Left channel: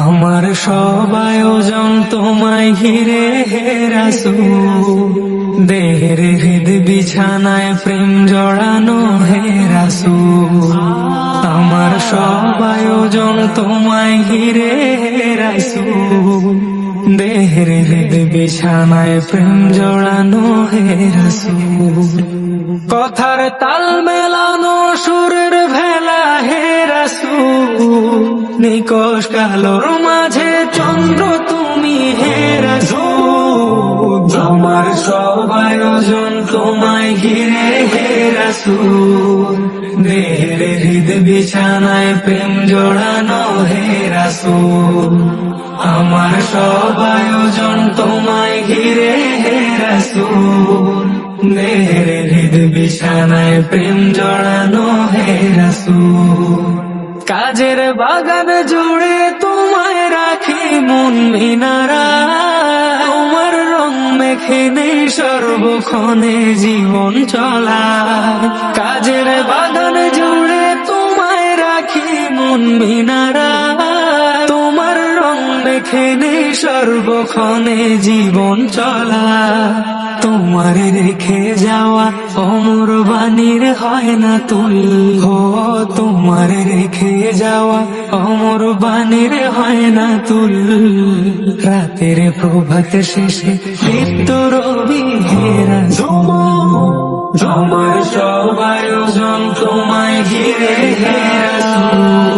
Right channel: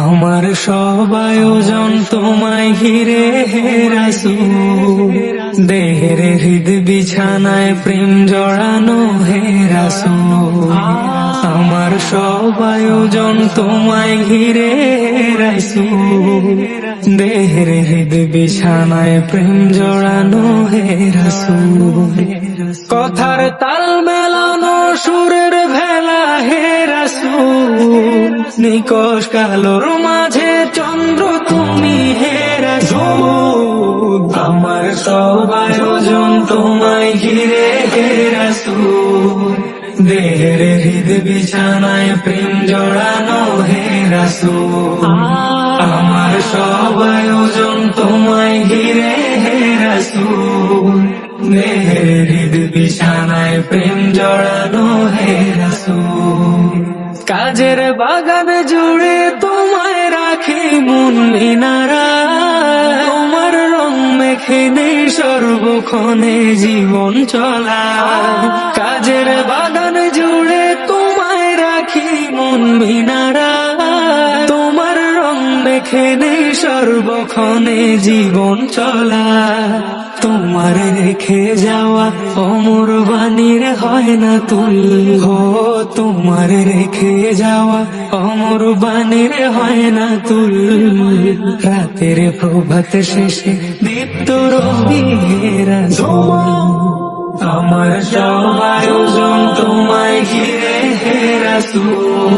আমার সব আয়োজন তোমায় ঘিরে হে রাসূল, দেহের হৃদ বিছানায় প্রেম জড়ানো হে রাসূল। আমার সব আয়োজন তোমায় ঘিরে হে রাসূল, দেহের হৃদ বিছানায় প্রেম জড়ানো হে রাসূল। কথার তাল মেলানো সুরের ভেলা হে রাসূল, নিকশ কালোর মাঝে চন্দ্র তুমি হে রাসূল। আমার সব আয়োজন তোমায় ঘিরে হে রাসূল, দেহের হৃদ বিছানায় প্রেম জড়ানো হে রাসূল। আমার সব আয়োজন তোমায় ঘিরে হে রাসূল, দেহের হৃদ বিছানায় প্রেম জড়ানো হে রাসূল। কাজের বাগান জুড়ে তোমায় রাখি মন মিনারা, তোমার রং মেখে নেই সর্বক্ষণে জীবন চলা। কাজের বাগান জুড়ে তোমায় রাখি মন মিনারা, তোমার রং মেখে নেই সর্বক্ষণে জীবন চলা। তোমার রেখে যাওয়া অমর বাণীর হয় না তুল, হো তোমার রেখে যাওয়া অমর বাণীর হয় না তুল। রাতের প্রভাত শেষে দীপ্ত রবি হে রাসূল, আমার সব আয়োজন তোমায় ঘিরে হে রাসূল,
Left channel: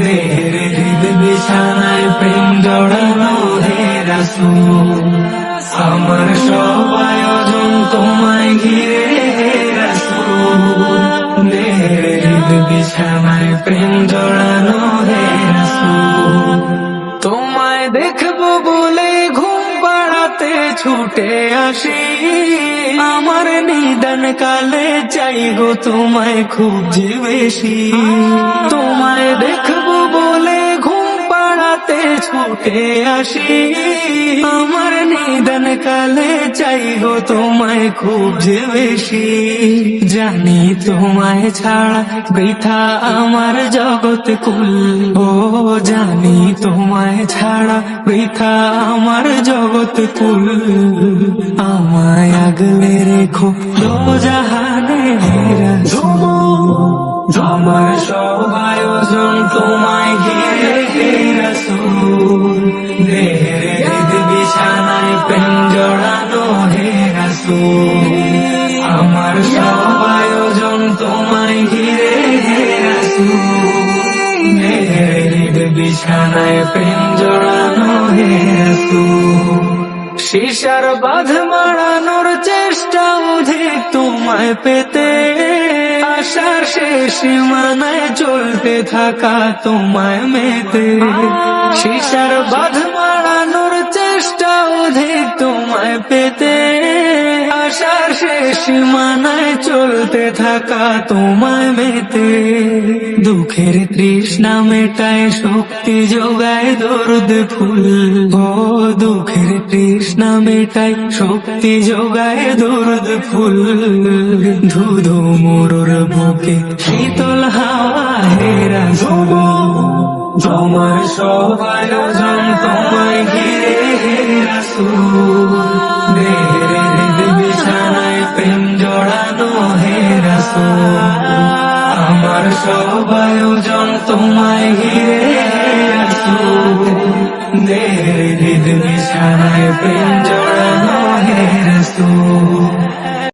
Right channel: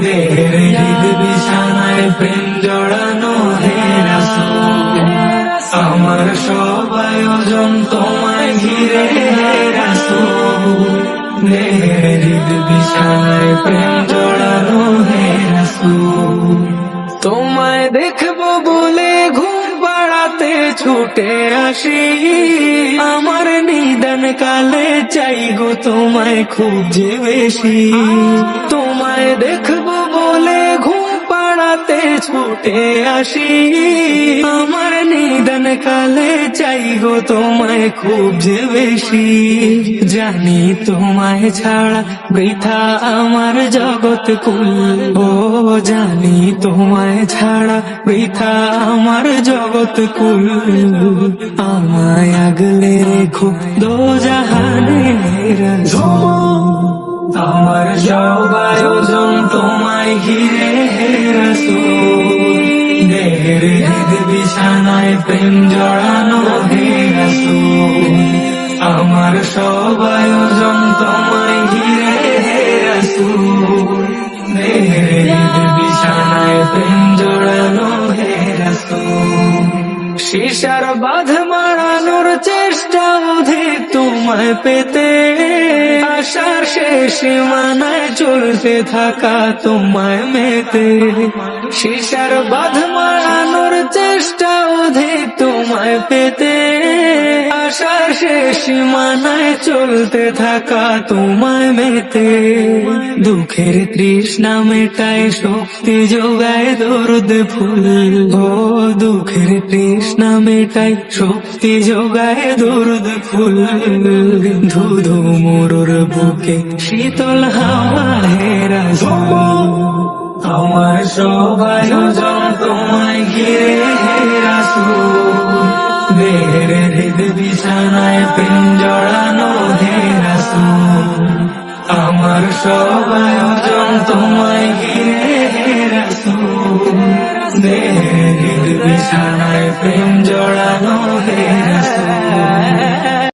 দেহের হৃদ বিছানায় প্রেম জড়ানো হে রাসূল। আমার সব আয়োজন তোমায় ঘিরে হে রাসূল, দেহের হৃদ বিছানায় প্রেম জড়ানো হে রাসূল। তোমায় দেখবো বলে ঘুম পাড়াতে ছুটে আসি, আমার নিদান কালে চাই গো তোমায় খুব যে বেশি। তোমায় দেখবো বলে ঘুম পাড়াতে ছুটে আসি, আমার নিদান কালে চাই গো তোমায় খুব যে বেশি। জানি তোমায় ছাড়া বৃথা আমার জগৎ কুল, ও জানি তোমায় ছাড়া বৃথা আমার জগৎ কুল। আমায় আগলে রেখো দোজাহানে হে রাসূল, আমার সব আয়োজন তোমায় ঘিরে হে রাসূল, দেহের হৃদ বিছানায় প্রেম জড়ানো হে রাসূল। আমার সব আয়োজন তোমায় ঘিরে হে রাসূল, দেহের হৃদ বিছানায় প্রেম জড়ানো হে রাসূল। শিশার বাঁধ মারানোর চেষ্টা অধিক তোমায় পেতে, আশার শেষ সীমানায় চলতে থাকা তোমায় মেতে। শিশার বাঁধ মারানোর চেষ্টা অধিক তোমায় পেতে, আশার শেষ সীমানায় চলতে থাকা তোমায় মেতে। দুঃখের তৃষ্ণা মেটায় শক্তি যোগায় দরুদ ফুল, ও দুঃখের তৃষ্ণা মেটায় শক্তি যোগায় দরুদ ফুল। ধুধু মোরর বুকে শীতল হাওয়া হে রাসূল, আমার সব আয়োজন তোমায় ঘিরে হে রাসূল, দেহের হৃদ বিছানায় প্রেম জড়ানো হে রাসূল। আমার সব আয়োজন তোমায় ঘিরে হে রাসূল, দেহের হৃদ বিছানায় প্রেম জড়ানো হে রাসূল।